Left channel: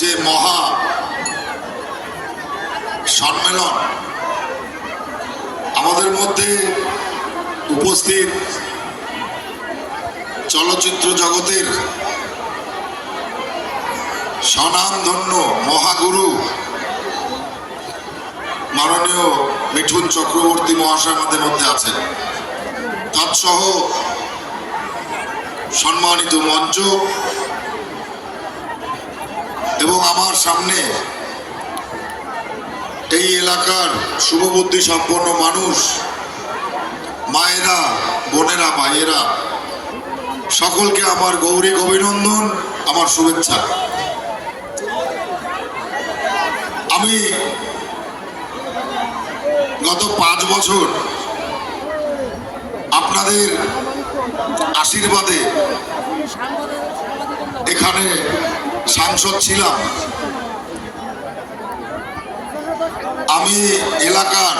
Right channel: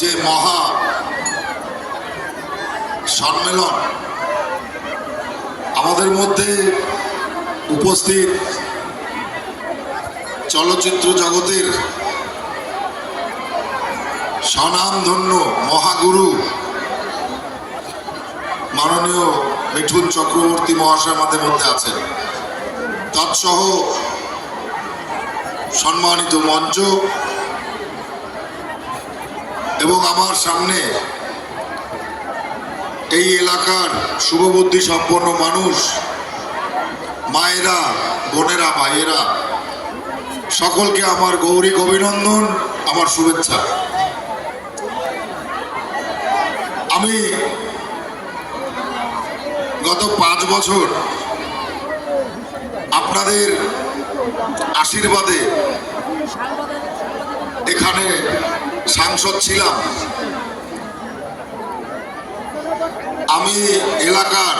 যে মহা সম্মেলন আমাদের মধ্যে উপস্থিত চলচ্চিত্র জগতের স্বনামধন্য মহাগুরু মাননীয় মিঠুন চক্রবর্তী মহাশয় আমাদের মধ্যে আছেন, তৎসহ সম্মানিত মঞ্চ এবং আমার সামনে এই এলাকার শুভবুদ্ধি সম্পন্ন মানুষ, মায়েরা, বোনেরা, ভাইয়েরা, সকলকে আমার গৌরী অভিনন্দন, আমার শুভেচ্ছা। আমি গত 5 বছর আপনাদের আশীর্বাদে এখানে সাংসদ ছিলাম। আমি এলাকার,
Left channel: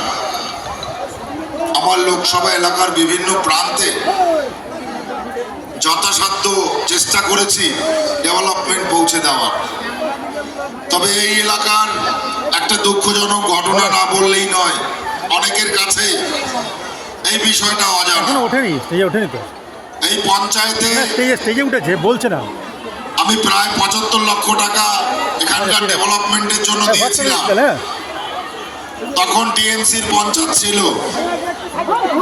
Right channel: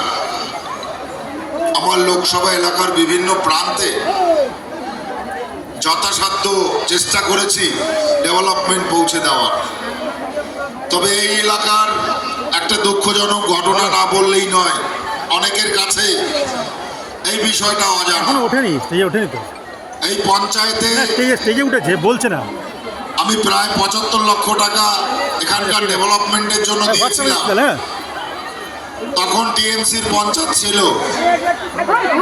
আমার লোকসভা এলাকার বিভিন্ন প্রান্তে যথাসাধ্য চেষ্টা করেছি ডেভেলপমেন্ট পৌঁছে দেওয়ার। তবে এই এলাকার একটা দুঃখজনক ঘটনা না বললেই নয়, অনেকের কাছে এই বিষয়টা অজানা। এখনো ওঠেনি, স্টেজে ওঠেনি তো। এই পঞ্চায়েতে স্টেজে উঠেছে, বলছে না। আমি প্রায় 75 লক্ষ টাকা এখানকার ডেভেলপমেন্টের জন্য দিয়েছিলাম। তখন টিএমসির পঞ্চায়েত ছিল।